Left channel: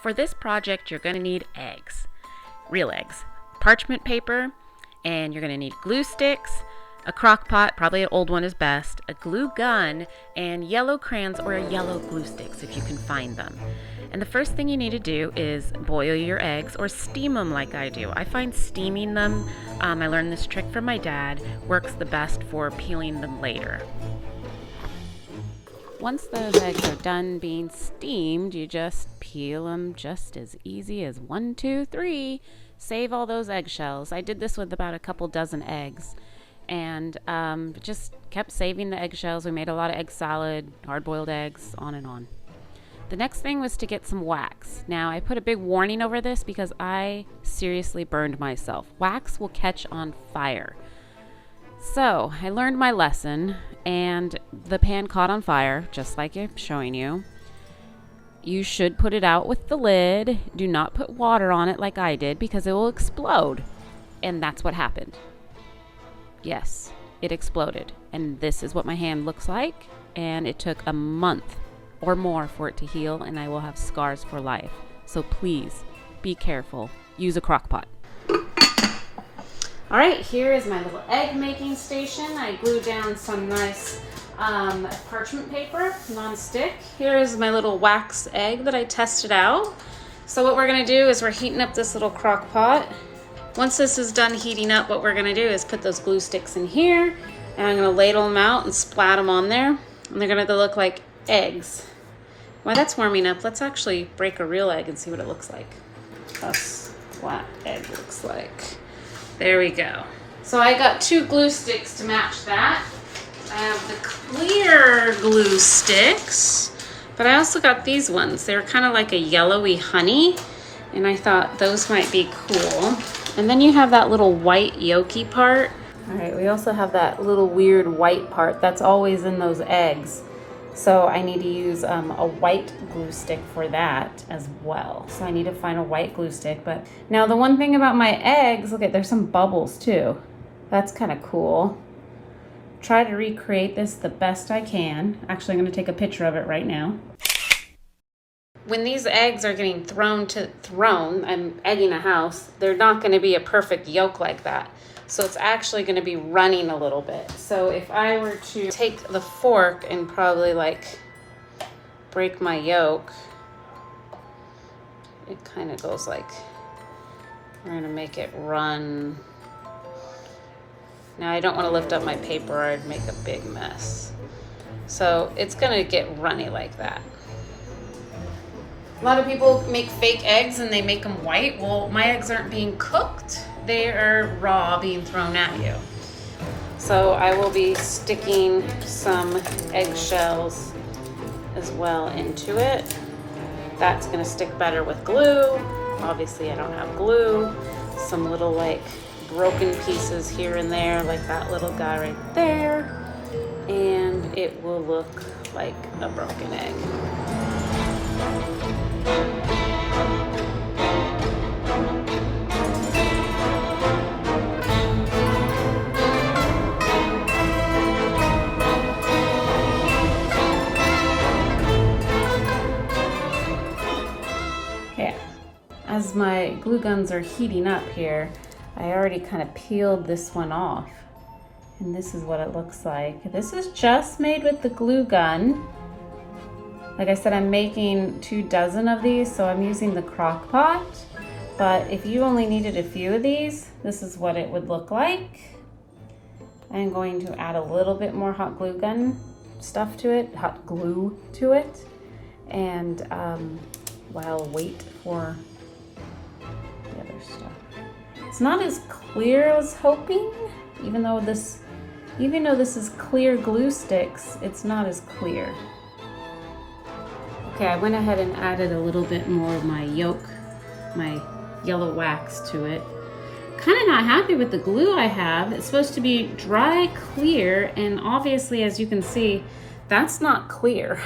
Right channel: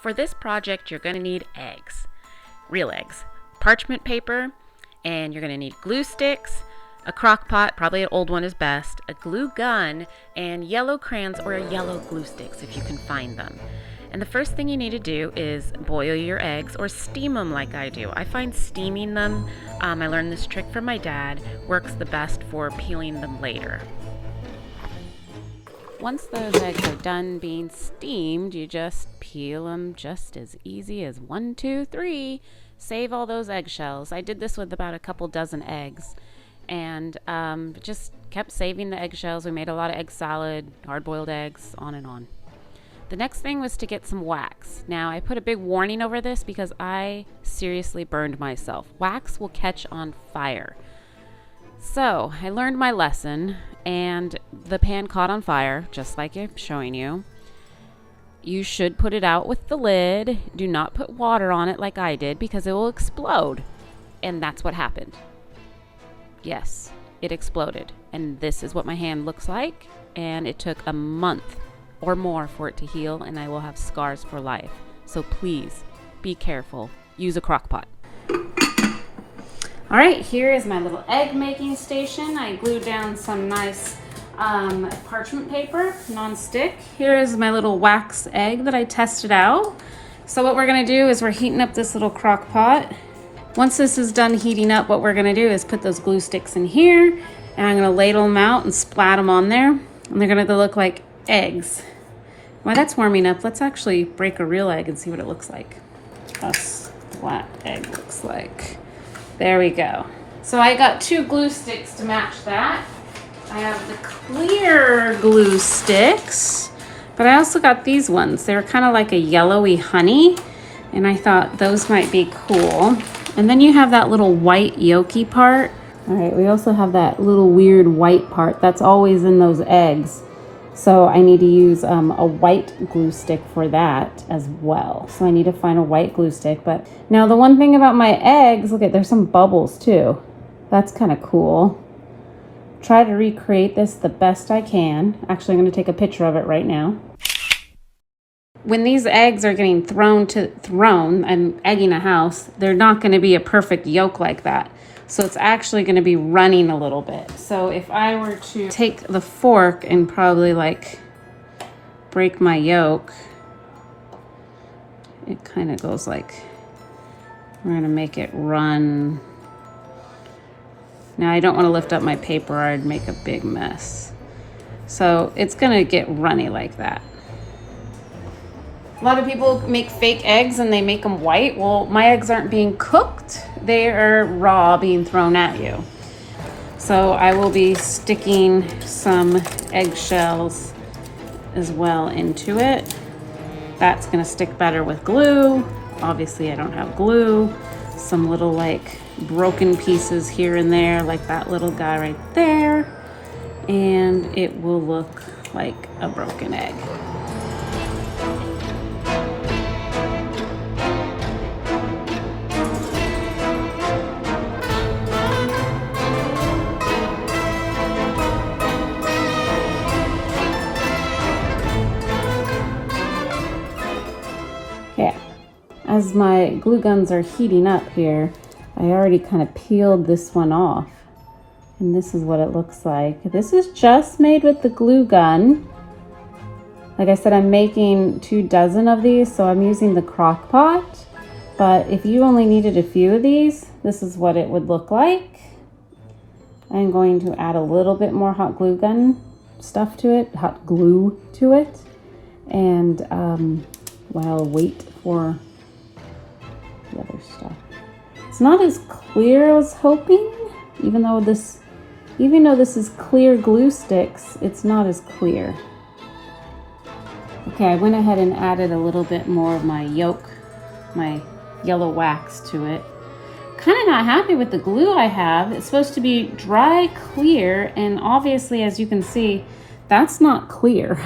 For this project, you're going to need eggs, real eggs, parchment paper, and you're going to need glue sticks, a crock pot, probably an old one is best, a glue gun, and yellow crayons or yellow glue sticks if you can find them. And the first thing you need to do is boil your eggs or steam them like I do. I find steaming them, I learned this trick from my dad, works the best for peeling them later. Once those eggs are done being steamed, you just peel them just as easy as 1, 2, 3. Save all those eggshells. I did this with about a couple dozen eggs and just kept saving the eggshells. We made a lot of egg salad, hard-boiled eggs, on and on. The next thing was to get some wax. Now, I put a big warning over this because I seriously burned myself. Wax will catch on fire. So I learned my lesson, and the pan caught on fire, just like I'm showing you. You should put it out with the lid. Do not put water on it like I did because it will explode. And that's what happened. Yes, it exploded. And this is what my hand looks like. And it took a month or more for it to heal, and I will have scars for life. So please be careful. Use a crock pot. All right, here is my little egg making station. I glued down some nice parchment paper, non-stick. Here is my little wax egg that I tested out. So what we're gonna do is we're heating up this little crock pot. Once this is done heating up, what we're gonna do is put those glue sticks in here, and I'm gonna ladle them out and splat them on there, and they're gonna look like eggs. While that's warming up, let's actually break a real egg and see what it looks like. How a splat egg looks like. There we go. So I got 2 glue sticks to match that. I have the clear glue sticks, but I also got these ones. They're kind of like a yellowy honey, and I thought those might be cool. And then you have that little white yolky part. All right, we also have that little weird white part that's always in those eggs. So I need to use a white glue stick for that as well. So I need to find a white glue stick. But now the one thing about my eggs, look at, there's some bubbles too. That's kind of cool. Try to recreate this the best I can. Actually, I'm gonna take a picture of it right now. When these eggs are getting thrown, I'm egging a house, they're not gonna be a perfect yolk like that. So it's actually going to be running a little bit. So if I were to take the fork and probably like break my yolk, it kind of goes like, we're going to make it run. Now I don't want to lift up my paper, I'd make a big mess. So it's going to get runny like that. A lot of people make fake eggs and they make them white. Well, my eggs aren't being cooked. They are raw, being thrown at you. So I will be sticking some eggshells as well into it. That's gonna stick better with glue. Obviously I don't have glue. Some little like broken pieces here and there, like that little guy right there. And it will look like a broken egg. As my glue guns are heating up here, I already kind of peeled this one off. And this is what it looks like. This is just made with the glue gun. Like I said, I'm making 2 dozen of these, so I'm using the crock pot. But if you only needed a few of these, this is what it would look like. I'm going to add a little bit more hot glue gun stuff to it, hot glue to it. And while I wait for the other stuff. It's not as clear as I was hoping, even though this is clear glue sticks, it's not as clear. Okay, I went ahead and added a little bit more of my yolk, my yellow wax to it. Kind of not happy with the glue I have. It's supposed to be dry, clear, and obviously, as you can see, that's not clear.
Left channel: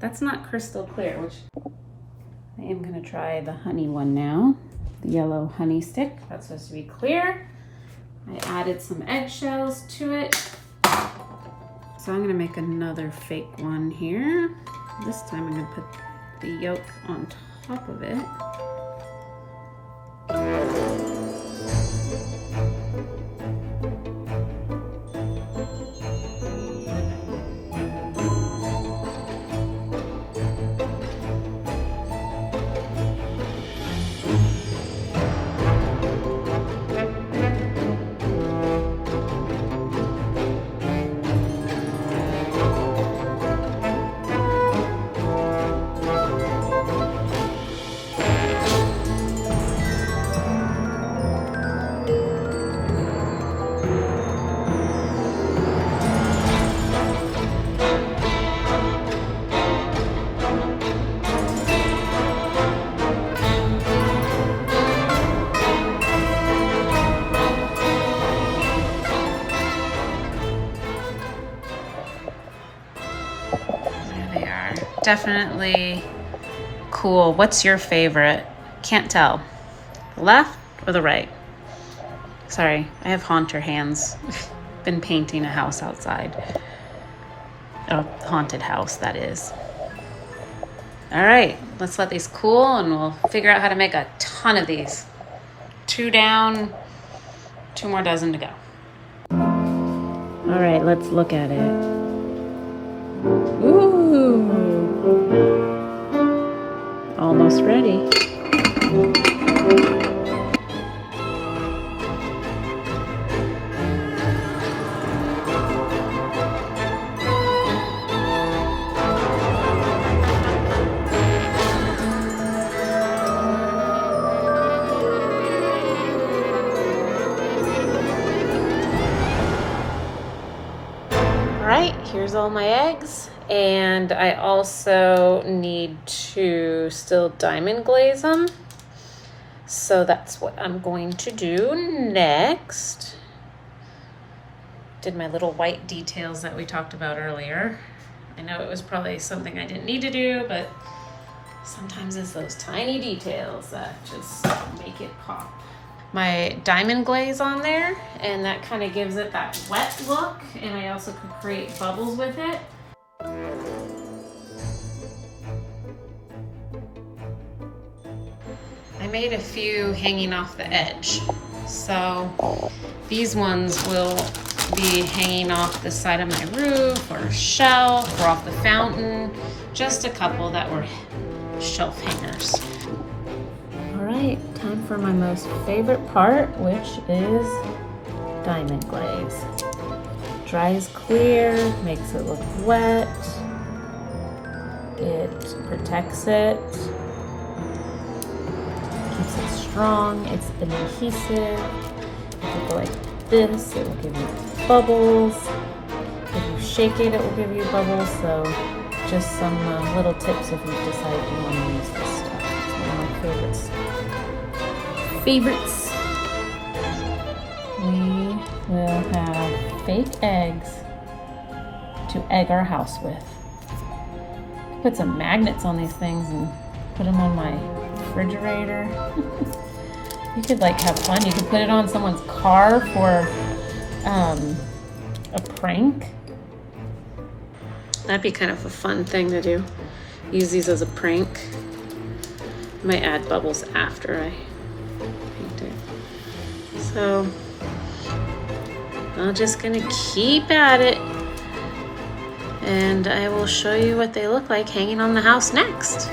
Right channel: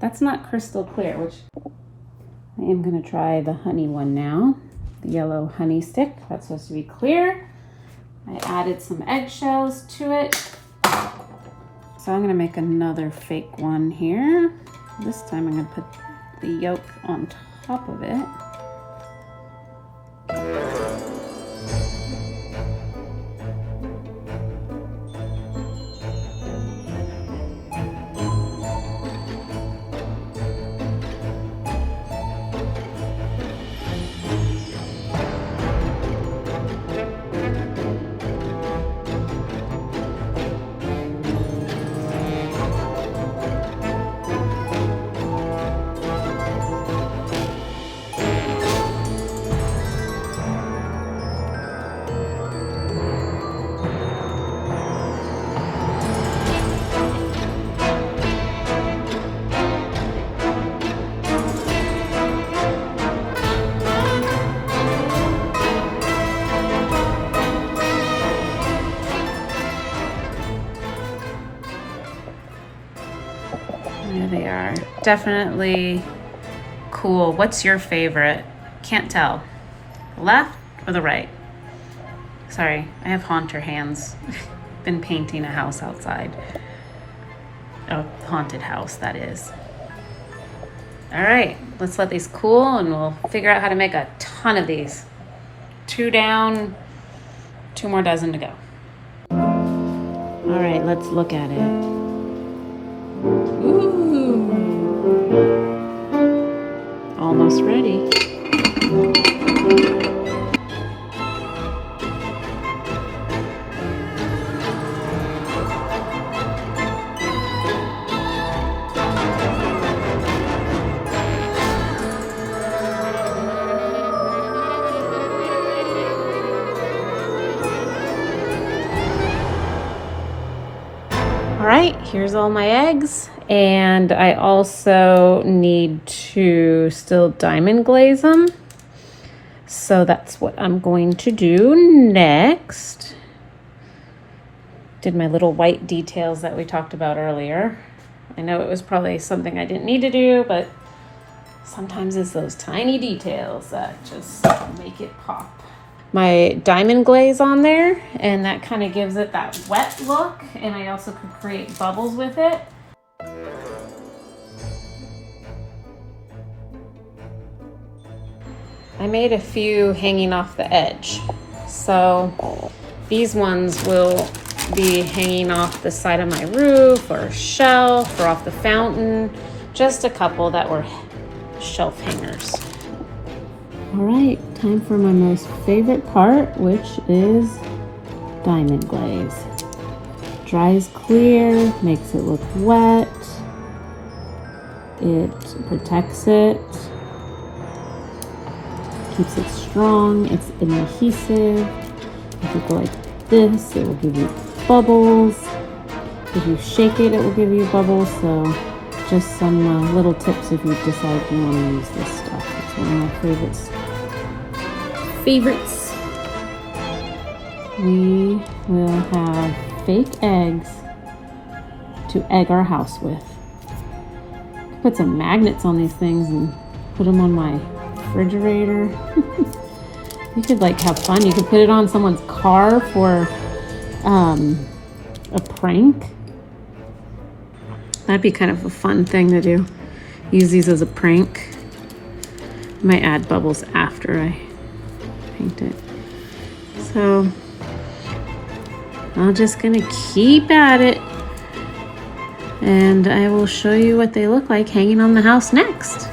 That's not crystal clear, which I am gonna try the honey one now. The yellow honey stick, that's supposed to be clear. I added some eggshells to it. So I'm gonna make another fake one here. This time I'm gonna put the yolk on top of it. There they are. Definitely cool. What's your favorite? Can't tell. The left or the right? Sorry, I have haunter hands. Been painting a house outside. A haunted house, that is. All right, let's let these cool and we'll figure out how to make a ton of these. 2 down, 2 more dozen to go. All right, let's look at it. Ooh, almost ready. Here's all my eggs, and I also need to still diamond glaze them, so that's what I'm going to do next. Did my little white details that we talked about earlier. I know it was probably something I didn't need to do, but sometimes it's those tiny details that just make it pop. My diamond glaze on there, and that kind of gives it that wet look, and I also could create bubbles with it. I made a few hanging off the edge, so these ones will be hanging off the side of my roof or shelf or off the fountain. Just a couple that were shelf hangers. All right, time for my most favorite part, which is diamond glaze. Dries clear, makes it look wet. It protects it, keeps it strong. It's an adhesive. If you go like this, it will give you bubbles. If you shake it, it will give you bubbles. So just some little tips if you decide you want to use this stuff. It's one of my favorites. We will have fake eggs to egg our house with. Put some magnets on these things and put them on my refrigerator. You could like have fun. You could put it on someone's car for a prank. That'd be kind of a fun thing to do. Use these as a prank. I might add bubbles after I paint it. So I'm just gonna keep at it, and I will show you what they look like hanging on the house next.